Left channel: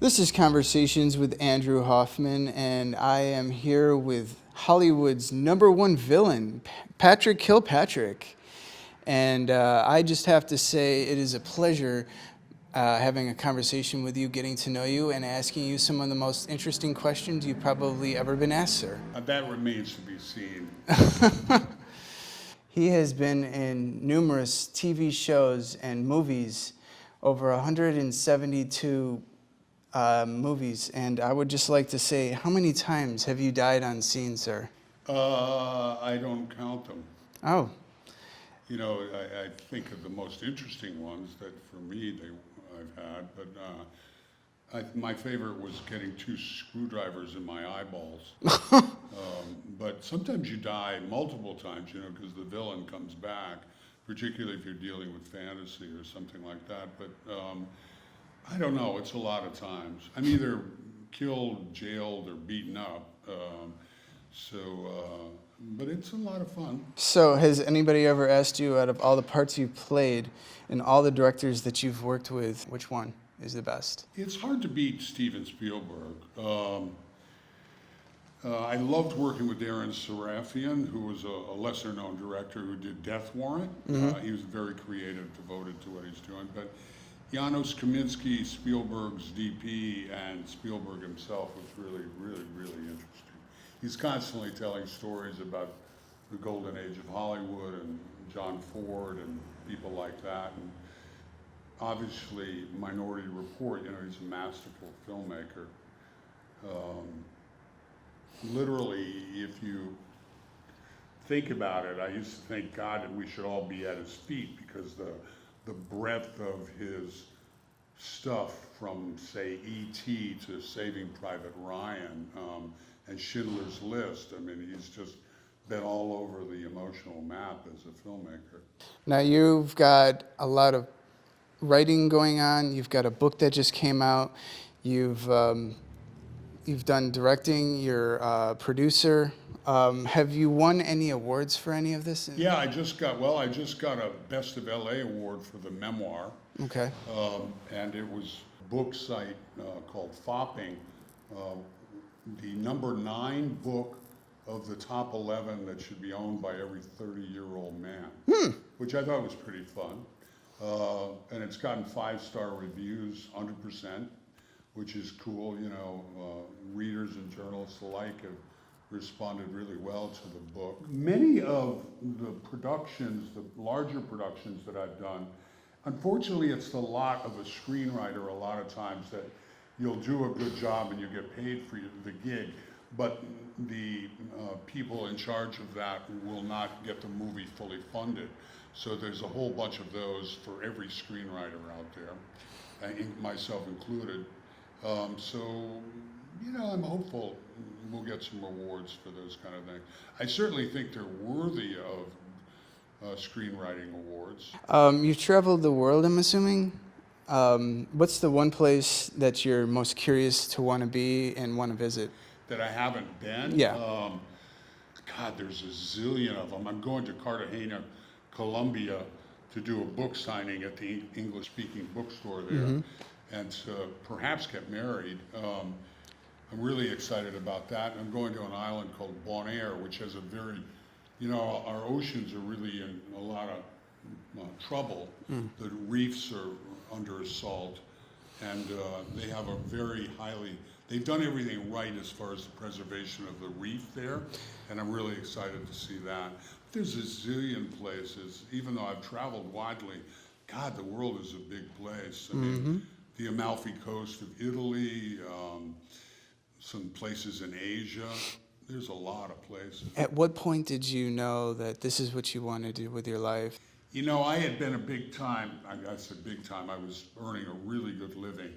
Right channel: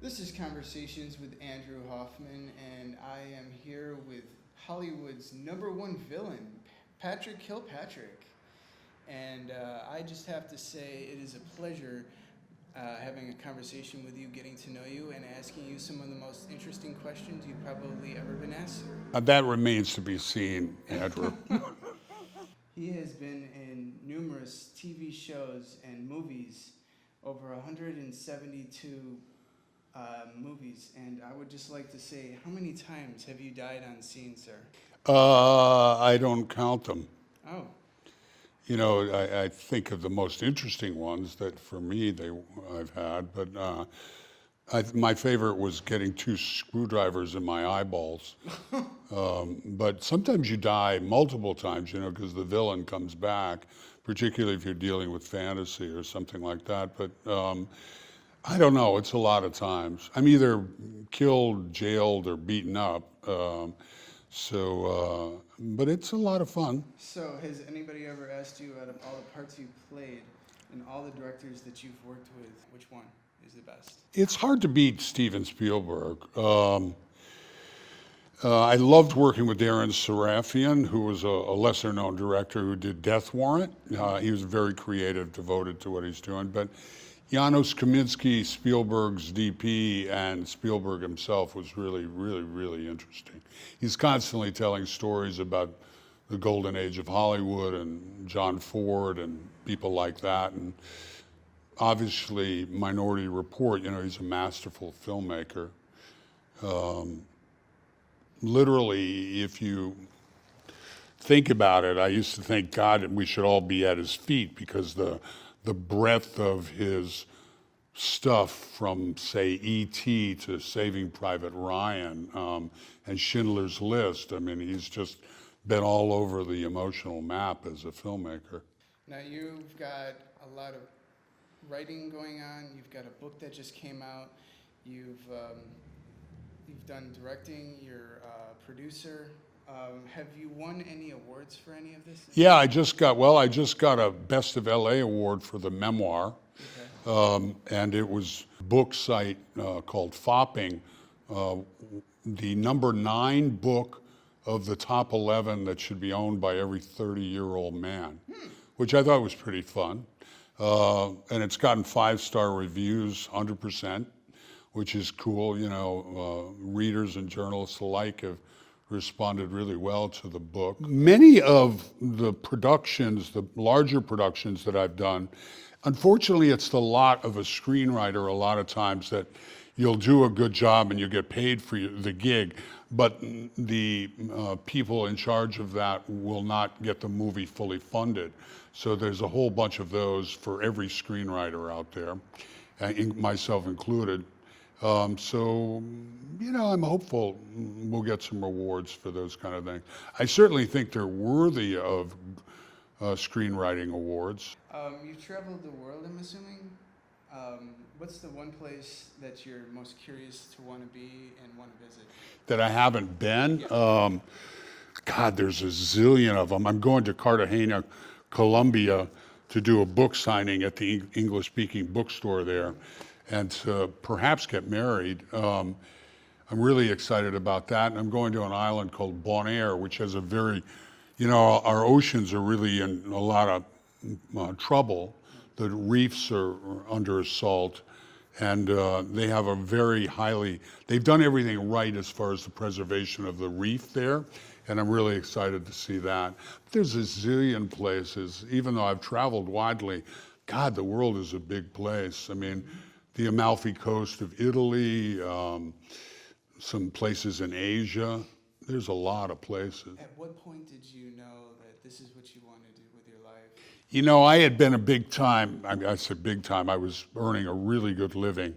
This is Conversations with Andrew Hoffman, and I am here with Hollywood's number one villain, Patrick Kilpatrick. And I just have to say, it is a pleasure having a conversation with you, getting to know you, and asking you some of the most interesting questions you've probably ever been asked, sir. That remains to be seen. He has been in numerous TV shows and movies, over 172 movies, and I would just like to say, how many times have you died on scene, sir? I don't count them. Oh, You know, I think of the most interesting ones that for me I've had, but my favorite was getting 2 screwdrivers in my eyeballs. But sometimes you die multiple times, you know, because the villain comes back, particularly if you're dealing with fantasy or something like that. But I don't know, it's a lot of times. I'm either killed, jailed, or beaten up. But it's a lot of fun. so has anybody ever asked you, out of all the parts you've played and all the directors that you've worked with, which one is the best? It's hard to beat Steven Spielberg. I loved working with Darren Sarafian, who was a lesser-known director who did Death Warrant. He was very creative, devoted to what he's doing. But Janusz Kaminski, Spielberg's DP, and Spielberg himself was really, really, really interesting. He's constantly telling stories about the golden age of Hollywood and John Ford and people like that. And obviously, Minority Report, you know, he's a masterful filmmaker. Literally, if you think about it, I used to think, God, we should all be at his feet, because the breadth of his stuff, from, say, E.T. to Saving Private Ryan and Schindler's List, I mean, he's just been all over the emotional map as a filmmaker. Now, you've got a lot of writing going on. You've got a book that just came out. You've done directing. You're a producer. Have you won any awards for any of this? Yeah, I just got a Best of LA award for the memoir. Okay. And it was a book site called Fopping, the number 9 book of the top 11 that should be owned by every 30-year-old man, which I thought was pretty fun. And it's gotten 5-star reviews, 100%, which is cool. You know, readers and journalists alike have responded really well to the book. Many of the productions, the larger productions that I've done, unfortunately, it's the lot of a screenwriter a lot of times that you'll do a good job and you get paid for the gig, but the people in charge of that will not get the movie fully funded. So there's a whole bunch of those for every screenwriter out there, myself included. So, you know, I'm hopeful we'll get some awards for those kind of things. I certainly think they're worthy of screenwriting awards. You've traveled the world, I'm assuming. What's the one place that you're most curious to want to be and want to visit? That I haven't been? Yeah. God, there's a zillion of them. I'm going to Cartagena, Colombia, to do a book signing at the English-speaking bookstore there, and to perhaps get married. I'm really excited about that. And I'm going to an island called Bonaire, which has a very, you know, our oceans are really in a lot of trouble. The reefs are under assault, and they have a very they've done everything right as far as the preservation of the reef there, and I'm really excited to see that. There's a zillion places, even though I've traveled widely. God, the world is a big place. I mean, the Amalfi Coast of Italy, some places in Asia. There's a lot of places. At what point did you know that this is what you want to do with your life? You know, I had been I said big time, I was earning a really good living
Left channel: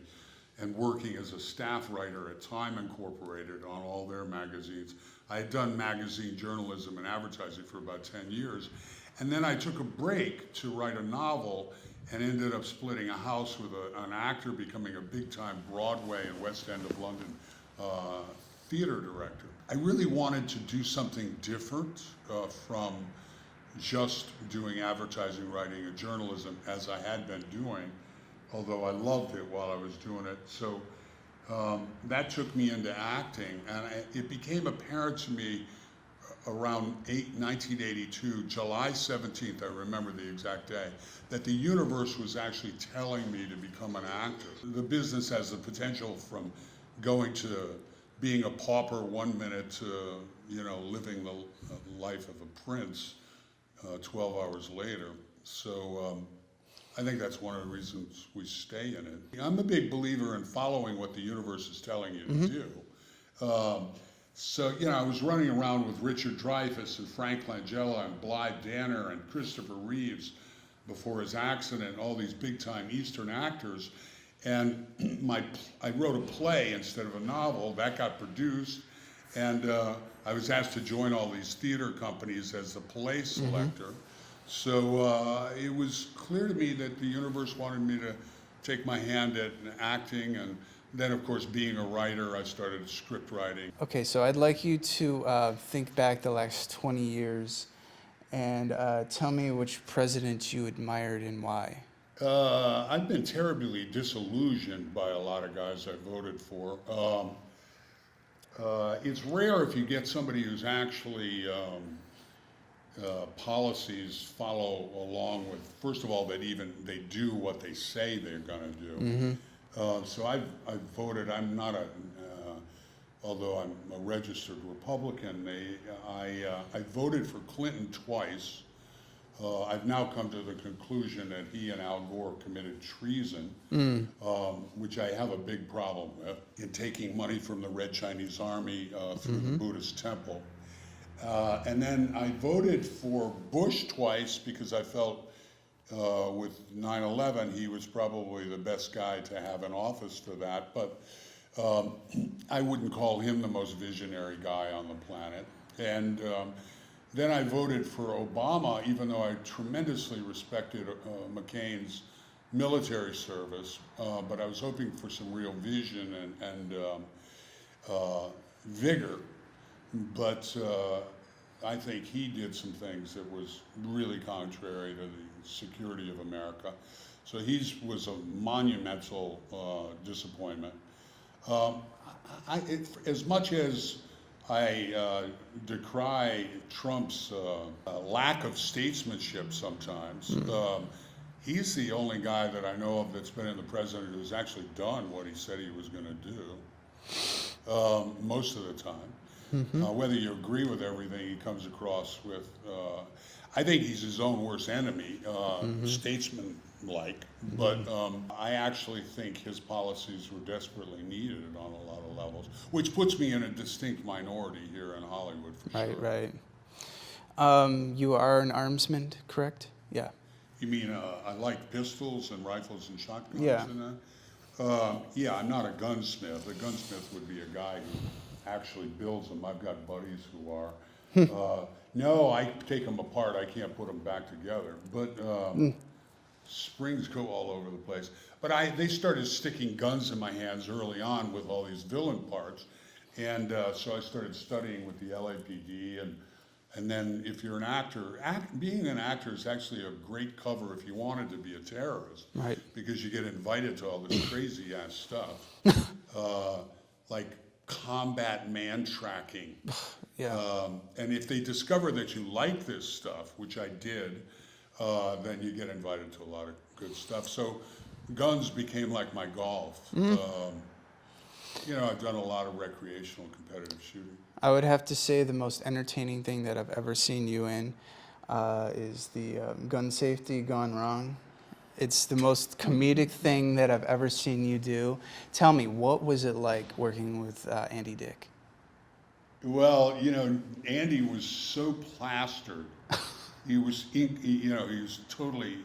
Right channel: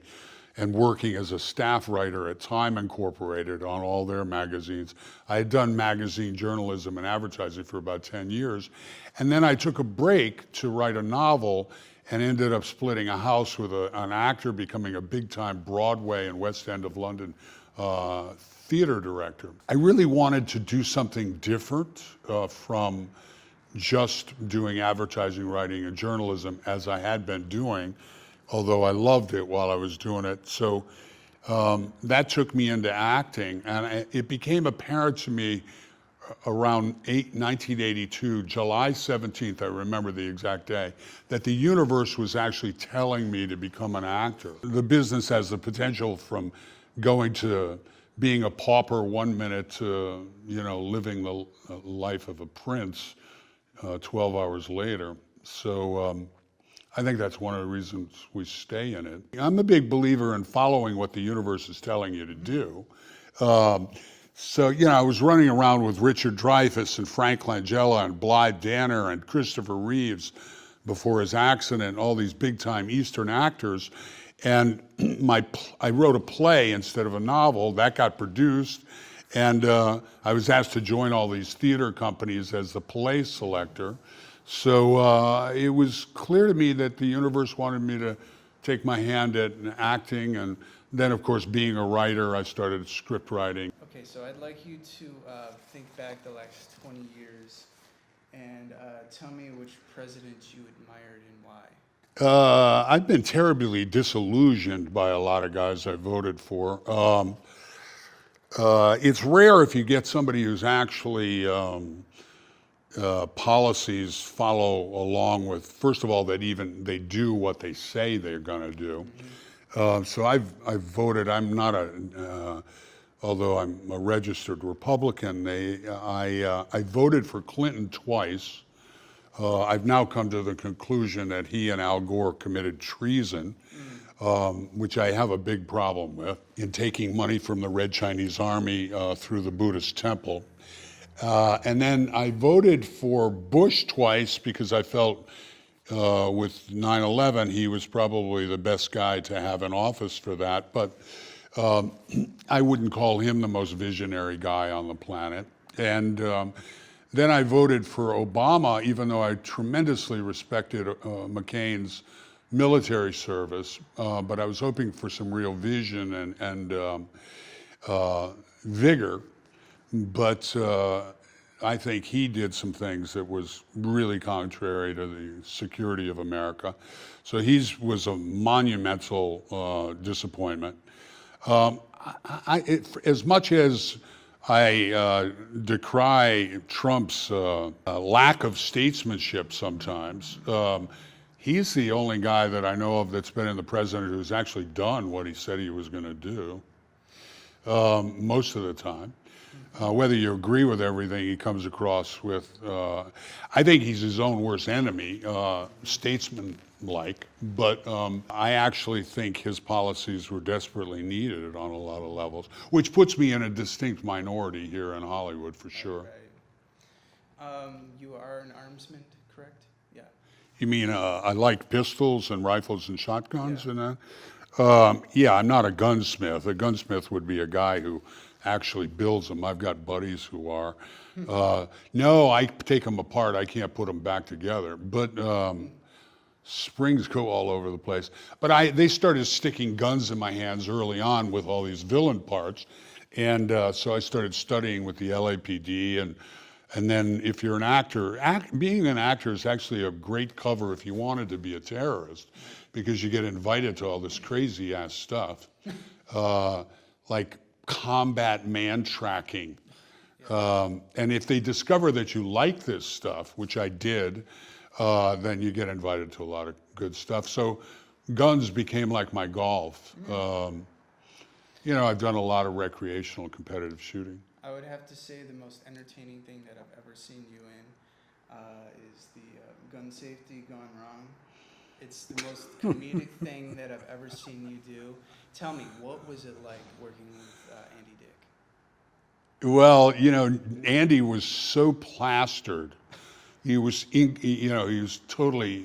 and working as a staff writer at Time Incorporated on all their magazines. I had done magazine journalism and advertising for about 10 years. And then I took a break to write a novel and ended up splitting a house with an actor, becoming a big-time Broadway and West End of London theater director. I really wanted to do something different from just doing advertising, writing, and journalism as I had been doing, although I loved it while I was doing it. So That took me into acting, and it became apparent to me around 1982, July 17th, I remember the exact day, that the universe was actually telling me to become an actor. The business has the potential from going to being a pauper one minute to, living the life of a prince 12 hours later. So I think that's one of the reasons we stay in it. I'm a big believer in following what the universe is telling you to do. So, I was running around with Richard Dreyfuss and Frank Langella and Blythe Danner and Christopher Reeves before his accident, all these big-time Eastern actors. And I wrote a play instead of a novel. That got produced. And I was asked to join all these theater companies as the play selector. So it was clear to me that the universe wanted me to take my hand at acting, and then, of course, being a writer, I started script writing. Okay, so I'd like you to think back the last 20 years and tell me which president you admired and why. I've been terribly disillusioned by a lot of guys I voted for. It's rare if you get somebody who's actually policies follow along with, first of all, that even they do what they say they're going to do. So I've voted. I'm not although I'm a registered Republican. I voted for Clinton twice. I've now come to the conclusion that he and Al Gore committed treason, which I have a big problem with, in taking money from the Red Chinese Army through the Buddhist temple. And then I voted for Bush twice because I felt with 9/11, he was probably the best guy to have in office for that. But I wouldn't call him the most visionary guy on the planet. And then I voted for Obama, even though I tremendously respected McCain's military service. But I was hoping for some real vision and vigor. But I think he did some things that was really contrary to the security of America. So he was a monumental disappointment. As much as I decry Trump's lack of statesmanship sometimes, he's the only guy that I know of that's been in the president who's actually done what he said he was going to do most of the time. Whether you agree with everything he comes across with, I think he's his own worst enemy, statesman-like, but I actually think his policies were desperately needed on a lot of levels, which puts me in a distinct minority here in Hollywood for sure. Right. You are an armsman, correct? Yeah. You mean I like pistols and rifles and shotguns and that? Yeah. Yeah, I'm not a gunsmith. A gunsmith would be a guy who actually builds them. I've got buddies who are. No, I take them apart. I can't put them back together. But springs go all over the place. But they started sticking guns in my hands early on with all these villain parts. And so I started studying with the LAPD. And then if you're an actor, being an actor is actually a great cover if you wanted to be a terrorist. Right. Because you get invited to all this crazy ass stuff. Like combat man tracking. Yeah. And if they discover that you like this stuff, which I did, then you get invited to a lot of good stuff. So guns became like my golf. I've done a lot of recreational competitive shooting. I would have to say the most entertaining thing that I've ever seen you in is the gun safety gone wrong. It's the most comedic thing that I've ever seen you do. Tell me, what was it like working with Andy Dick? Well, Andy was so plastered. He was, he was totally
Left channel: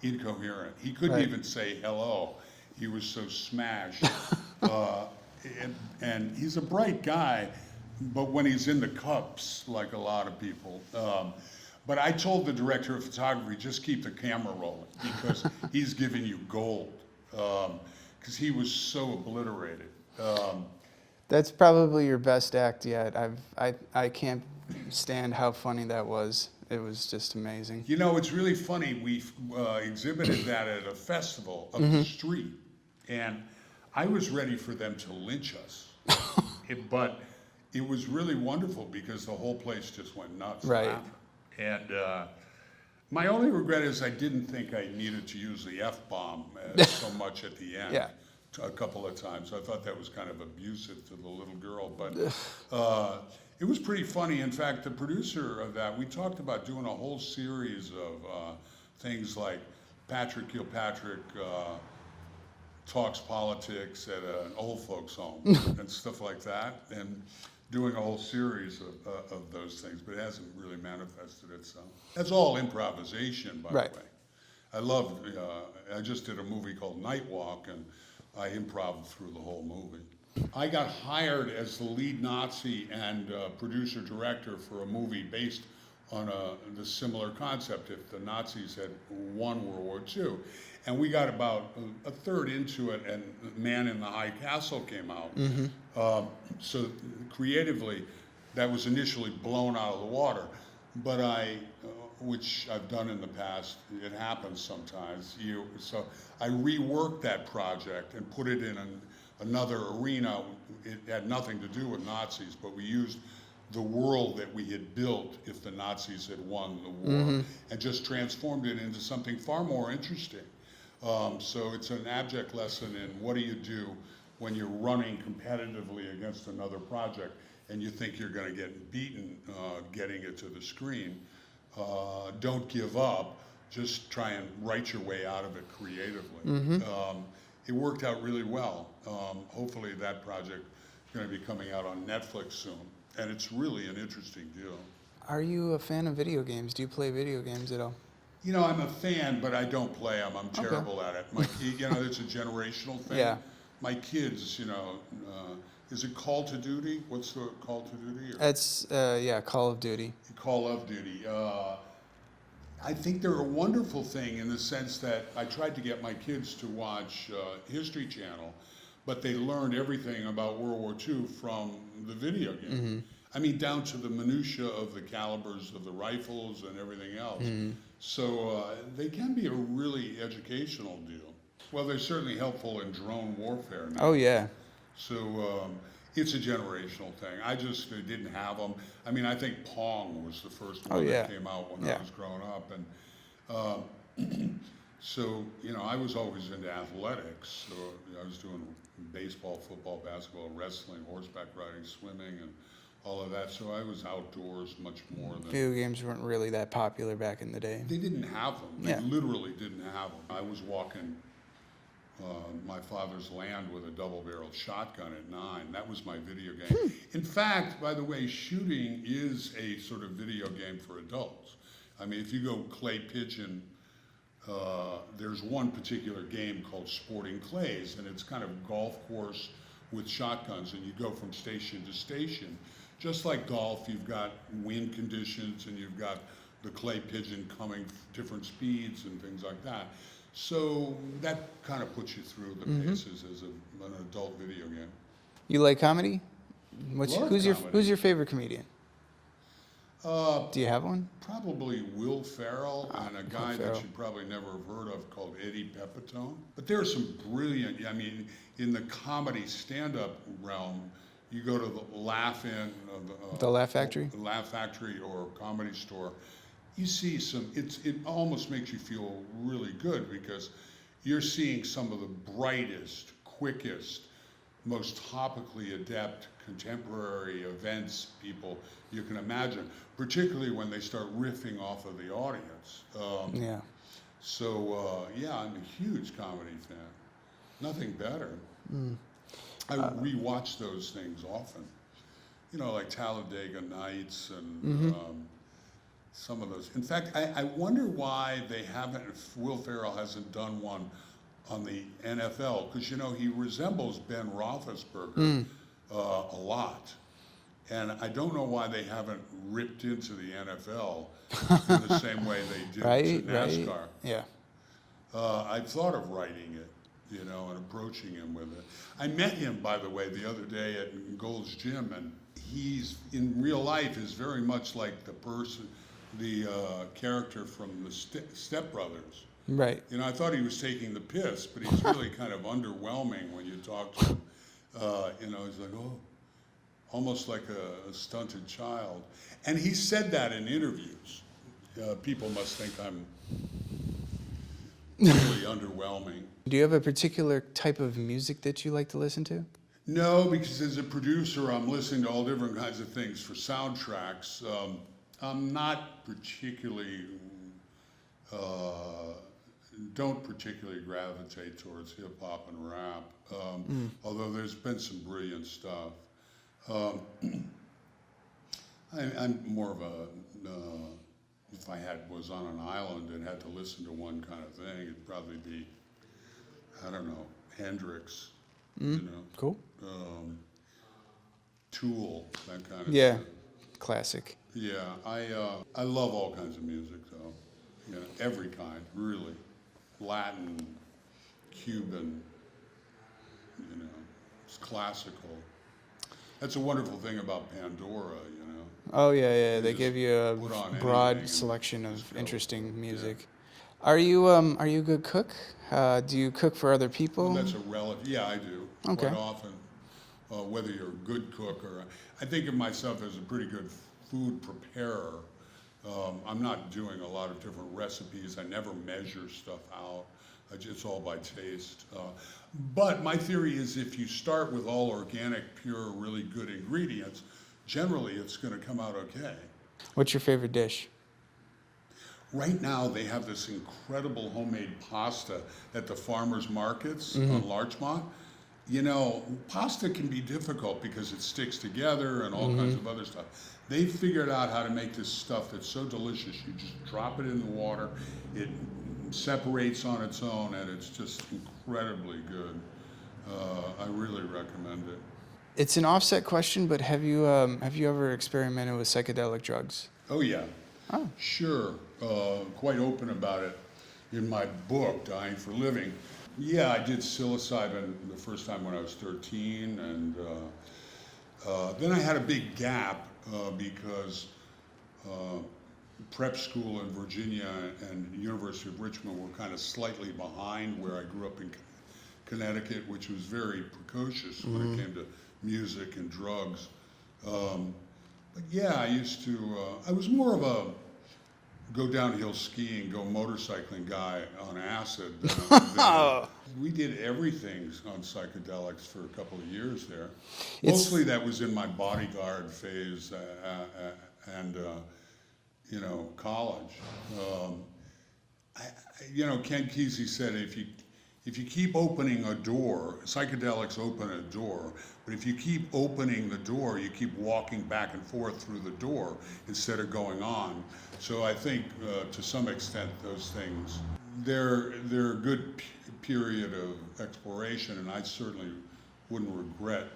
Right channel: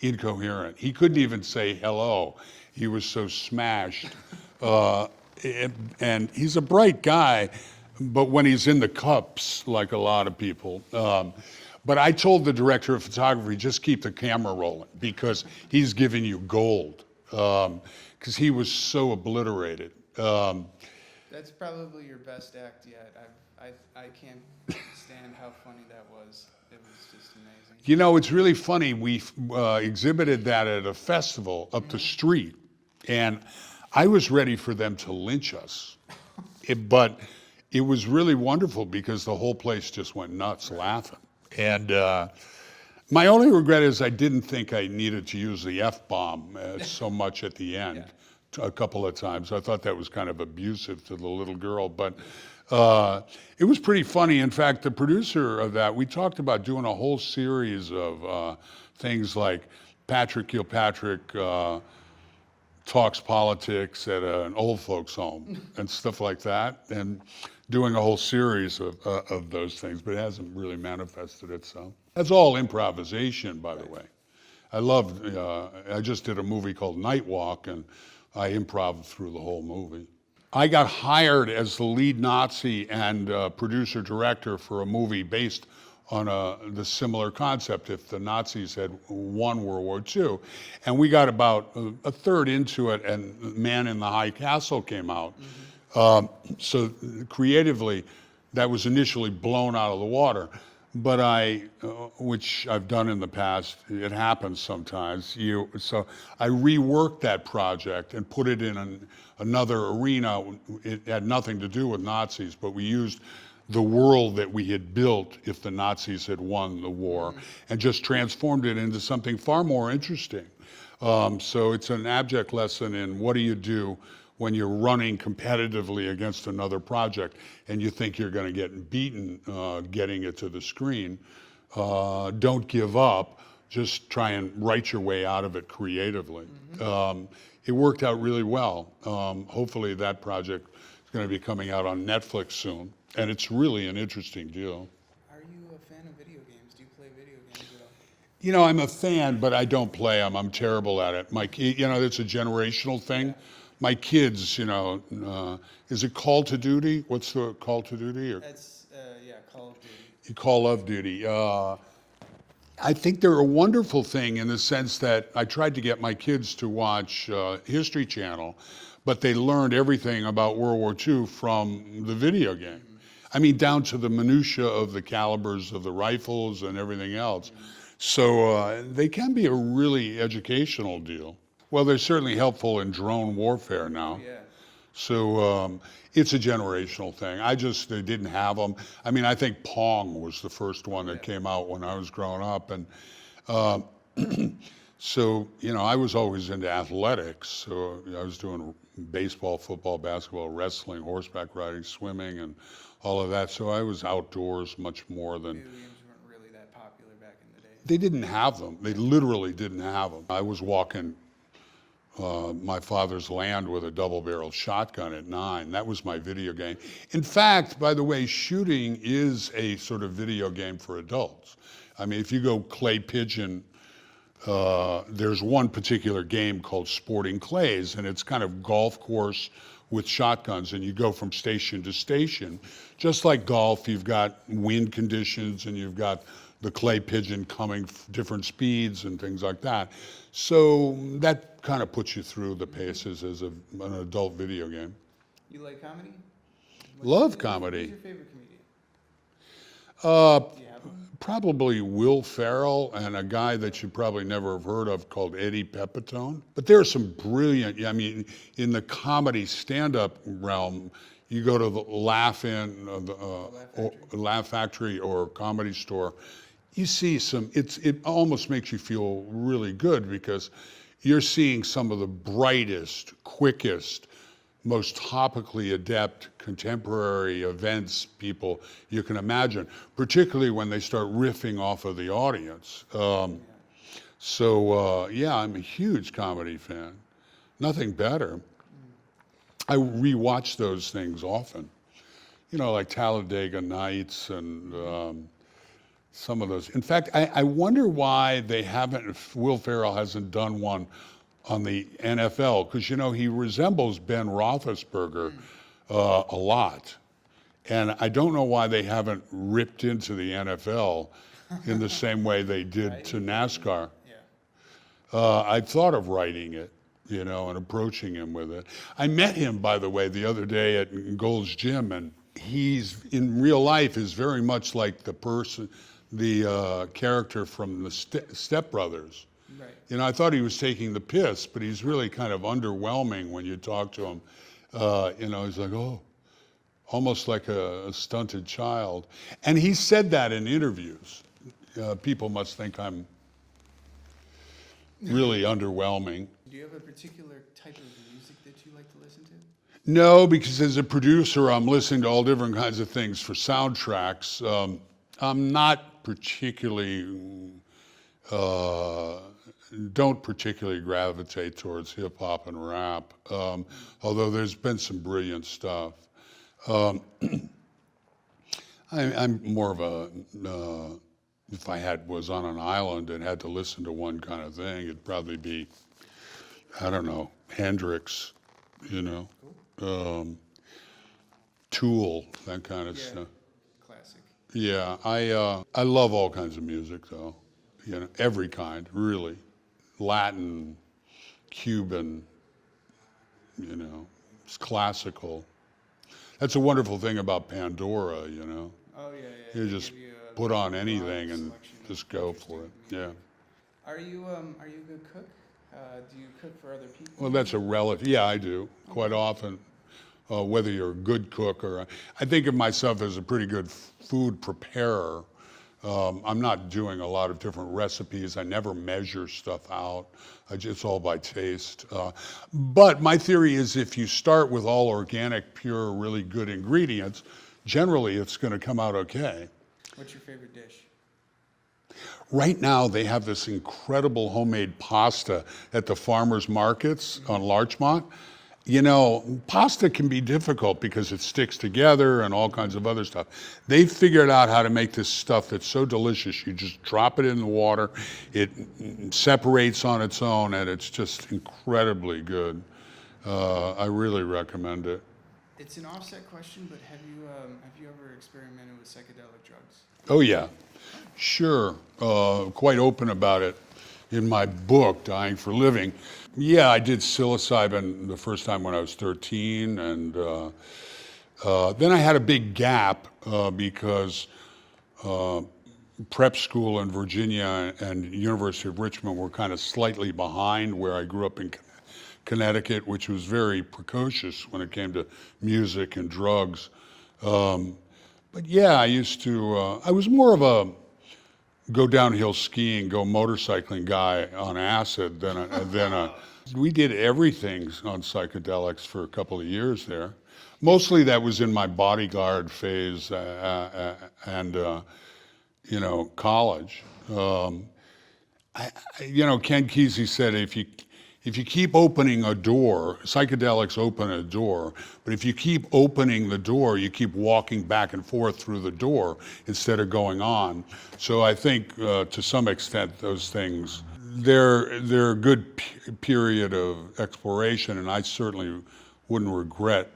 incoherent. He couldn't even say hello. He was so smashed. And he's a bright guy, but when he's in the cups, like a lot of people. But I told the director of photography, just keep the camera rolling because he's giving you gold. Because he was so obliterated. That's probably your best act yet. I can't stand how funny that was. It was just amazing. It's really funny. We exhibited that at a festival up the street. And I was ready for them to lynch us. But it was really wonderful because the whole place just went nuts laughing. And my only regret is I didn't think I needed to use the F-bomb so much at the end. A couple of times. I thought that was kind of abusive to the little girl, but it was pretty funny. In fact, the producer of that, we talked about doing a whole series of things like Kilpatrick talks politics at an old folks home and stuff like that, and doing a whole series of those things, but it hasn't really manifested itself. That's all improvisation, by the way. I just did a movie called Night Walk, and I improv through the whole movie. I got hired as the lead Nazi and producer-director for a movie based on the similar concept if the Nazis had won World War II. And we got about a third into it, and Man in the High Castle came out. So creatively, that was initially blown out of the water. But which I've done in the past, it happens sometimes. So I reworked that project and put it in another arena. It had nothing to do with Nazis, but we used the world that we had built if the Nazis had won the war, and just transformed it into something far more interesting. So it's an abject lesson in what do you do when you're running competitively against another project and you think you're going to get beaten getting it to the screen. Don't give up. Just try and write your way out of it creatively. It worked out really well. Hopefully that project is going to be coming out on Netflix soon. And it's really an interesting deal. Are you a fan of video games? Do you play video games at all? You know, I'm a fan, but I don't play them. I'm terrible at it. It's a generational thing. Yeah. My kids, is it Call to Duty? What's the Call to Duty? It's, Call of Duty. Call of Duty. I think they're a wonderful thing in the sense that I tried to get my kids to watch History Channel, but they learned everything about World War II from the video game. I mean, down to the minutia of the calibers of the rifles and everything else. So they can be a really educational deal. Well, they're certainly helpful in drone warfare now. Oh, yeah. So it's a generational thing. They didn't have them. I mean, I think Pong was the first one that came out when I was growing up. And so, I was always into athletics. So I was doing baseball, football, basketball, wrestling, horseback riding, swimming, and all of that. So I was outdoors much more than... Video games weren't really that popular back in the day. They didn't have them. They literally didn't have them. I was walking my father's land with a double-barrel shotgun at 9. That was my video game. In fact, by the way, shooting is a sort of video game for adults. I mean, if you go clay pigeon, there's one particular game called Sporting Clays, and it's kind of golf course with shotguns, and you go from station to station. Just like golf, you've got wind conditions, and you've got the clay pigeon coming different speeds and things like that. So that kind of puts you through the paces as an adult video game. You like comedy? Love comedy. Who's your favorite comedian? Do you have one? Probably Will Ferrell and a guy that you probably never have heard of called Eddie Pepitone. But there are some brilliant, in the comedy stand-up realm, you go to the Laugh-In, the Laugh Factory? Laugh Factory or Comedy Store. You see it almost makes you feel really good because you're seeing some of the brightest, quickest, most topically adept contemporary events people you can imagine, particularly when they start riffing off of the audience. So, I'm a huge comedy fan. Nothing better. I rewatch those things often. Like Talladega Nights and some of those. In fact, I wonder why Will Ferrell hasn't done one on the NFL, because, he resembles Ben Roethlisberger a lot. And I don't know why they haven't ripped into the NFL in the same way they did to NASCAR. Yeah. I thought of writing it, and approaching him with it. I met him, by the way, the other day at Gold's Gym, and he's, in real life, is very much like the character from the Step Brothers. Right. You know, I thought he was taking the piss, but he's really kind of underwhelming when you talk to him. You know, he's like, oh, almost like a stunted child. And he said that in interviews. People must think I'm really underwhelming. Do you have a particular type of music that you like to listen to? No, because as a producer, I'm listening to all different kinds of things for soundtracks. I'm not particularly, don't particularly gravitate towards hip hop and rap, although there's been some brilliant stuff. I'm more of a, if I was on an island and had to listen to one kind of thing, it'd probably be, I don't know, Hendrix, you know? Cool. Tool, that kind of Yeah. stuff. Classic. Yeah, I love all kinds of music though, you know, every kind, really. Latin, Cuban, you know, it's classical. That's a wonderful thing about Pandora, you know. Oh yeah. They just give you a put on anything broad and selection of just go for interesting it. music. Yeah. Are you a good cook? Do you cook for other people? Well, that's a relative. Yeah, I do quite Okay. often. Whether you're a good cook or I think of myself as a pretty good food preparer. I'm not doing a lot of different recipes. I never measure stuff out. It's all by taste. But my theory is if you start with all organic, pure, really good ingredients, generally it's going to come out okay. What's your favorite dish? Right now, they have this incredible homemade pasta at the farmers markets on Larchmont. You know, pasta can be difficult because it sticks together and all kinds of other stuff. They've figured out how to make this stuff that's so delicious. You just drop it in the water, it separates on its own, and it's just incredibly good. I really recommend it. It's an offset question, but have you ever experimented with psychedelic drugs? Oh, yeah. Oh. Sure. Quite open about it in my book, Dying for Living. Yeah, I did psilocybin the first time when I was 13, and then I had a big gap because prep school in Virginia and University of Richmond were kind of slightly behind where I grew up in Connecticut, which was very precocious when it came to music and drugs. But yeah, I used to, I was more of a go downhill skiing, go motorcycling guy on acid than we did everything on psychedelics for a couple of years there. Mostly that was in my bodyguard phase and you know, college. You know, Ken Kesey said if you keep opening a door, psychedelics open a door, but if you keep opening the door, you keep walking back and forth through the door instead of going on. So I think to some extent those things, they're a good period of exploration, and I certainly wouldn't regret,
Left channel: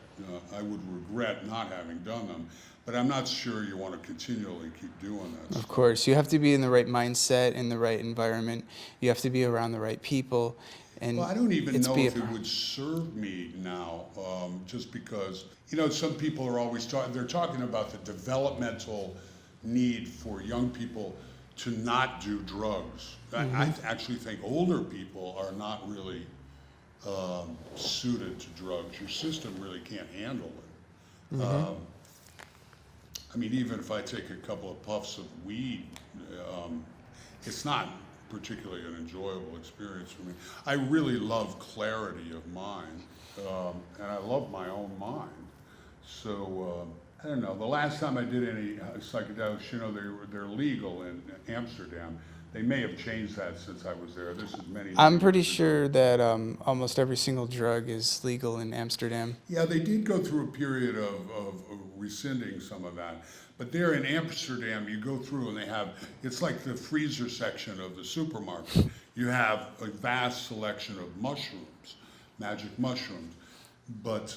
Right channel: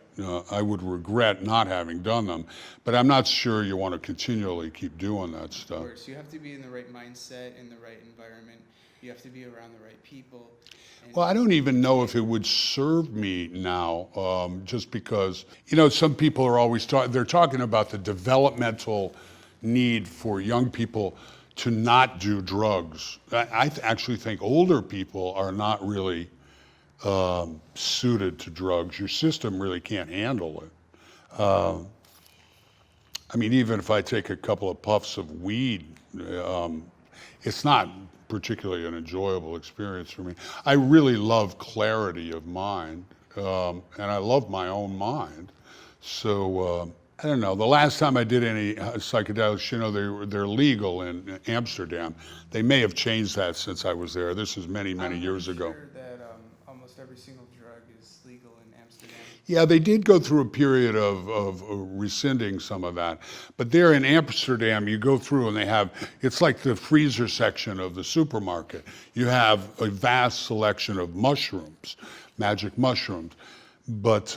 I would regret not having done them, but I'm not sure you want to continually keep doing that stuff. Of course, you have to be in the right mindset, in the right environment. You have to be around the right people. And well, I don't even know if it would serve me now, just because, you know, some people are always they're talking about the developmental need for young people to not do drugs. I actually think older people are not really suited to drugs. Your system really can't handle it. I mean, even if I take a couple of puffs of weed, it's not particularly an enjoyable experience for me. I really love clarity of mind, and I love my own mind. So I don't know. The last time I did any psychedelics, you know, they're legal in Amsterdam. They may have changed that since I was there. This is many years ago. I'm pretty sure that almost every single drug is legal in Amsterdam. Yeah, they did go through a period of rescinding some of that. But there in Amsterdam, you go through and they have, it's like the freezer section of the supermarket. You have a vast selection of mushrooms, magic mushrooms. But,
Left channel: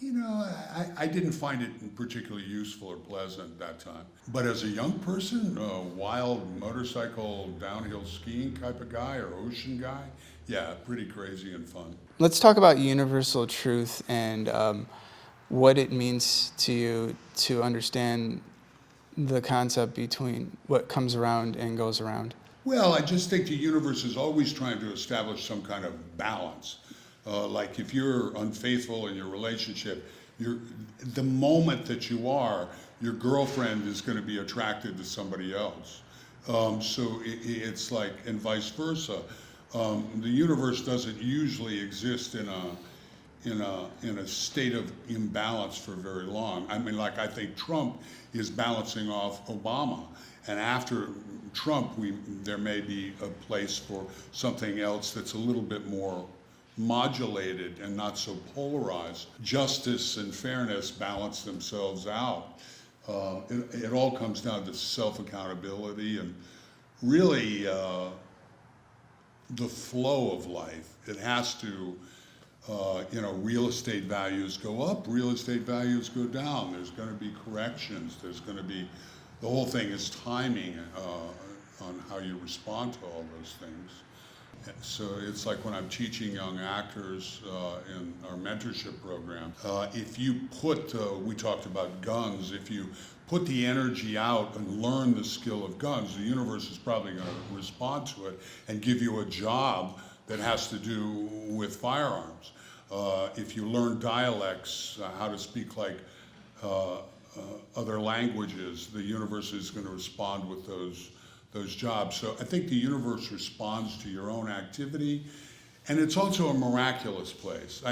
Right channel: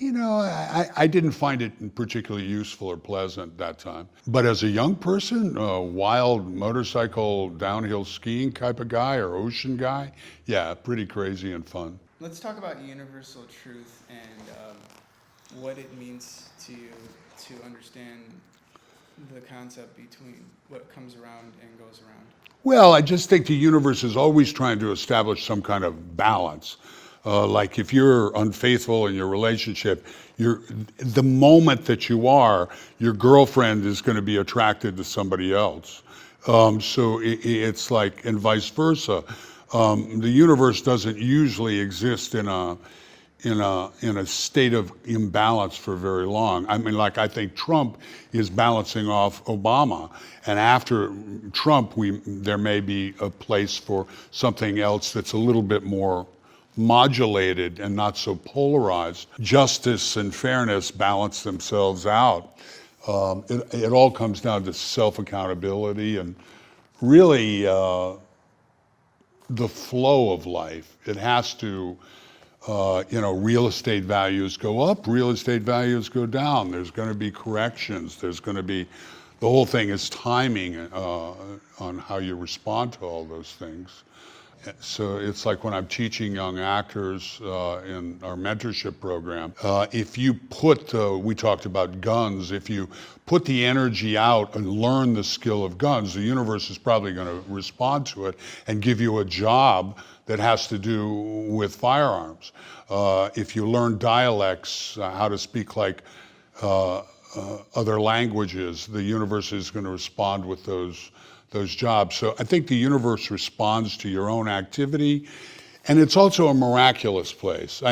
you know, I didn't find it particularly useful or pleasant that time. But as a young person, a wild motorcycle downhill skiing type of guy or ocean guy, yeah, pretty crazy and fun. Let's talk about universal truth and what it means to you to understand the concept between what comes around and goes around. Well, I just think the universe is always trying to establish some kind of balance. Like if you're unfaithful in your relationship, the moment that you are, your girlfriend is going to be attracted to somebody else. So it's like, and vice versa. The universe doesn't usually exist in a state of imbalance for very long. I mean, like I think Trump is balancing off Obama, and after Trump, there may be a place for something else that's a little bit more modulated and not so polarized. Justice and fairness balance themselves out. It all comes down to self-accountability and really the flow of life. It has to, real estate values go up, real estate values go down. There's going to be corrections. There's going to be, the whole thing is timing on how you respond to all those things. So it's like when I'm teaching young actors in our mentorship program, if you put, we talked about guns, if you put the energy out and learn the skill of guns, the universe is probably going to respond to it and give you a job that has to do with firearms. If you learn dialects, how to speak like other languages, the universe is going to respond with those jobs. So I think the universe responds to your own activity, and it's also a miraculous place.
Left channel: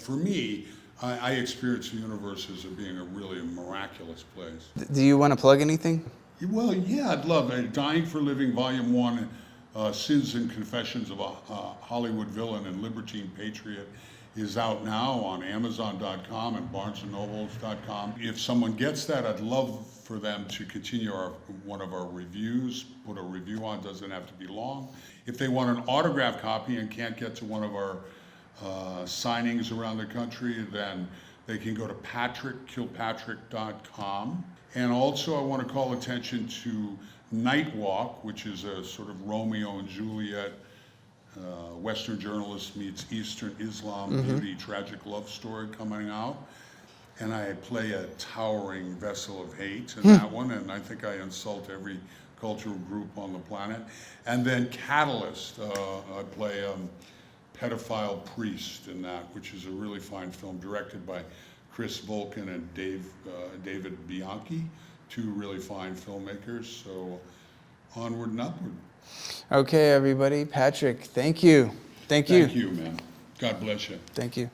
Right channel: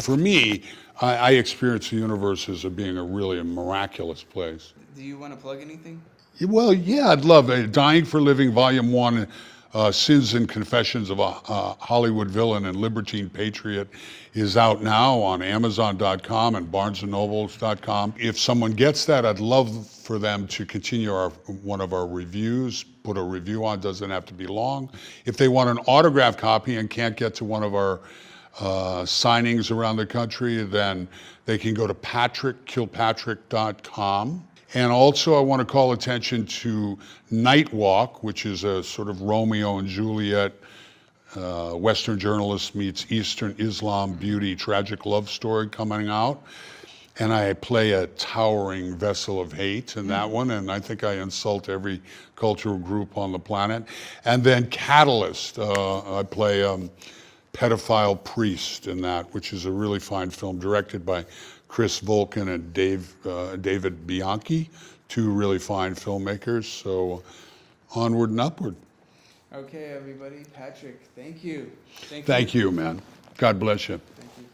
For me, I experience the universe as being a really miraculous place. Do you want to plug anything? Well, yeah, I'd love it. Dying for Living, Volume 1, Sins and Confessions of a Hollywood Villain and Libertine Patriot is out now on Amazon.com and BarnesandNobles.com. If someone gets that, I'd love for them to continue one of our reviews, put a review on, doesn't have to be long. If they want an autographed copy and can't get to one of our signings around the country, then they can go to Kilpatrick.com. And also I want to call attention to Night Walk, which is a sort of Romeo and Juliet, Western journalist meets Eastern Islam beauty, tragic love story coming out. And I play a towering vessel of hate in that one, and I think I insult every cultural group on the planet. And then Catalyst, I play a pedophile priest in that, which is a really fine film directed by Chris Volkin and David Bianchi, two really fine filmmakers. So onward and upward. Okay, everybody. Patrick, thank you. Thank you. Thank you, man. God bless you. Thank you.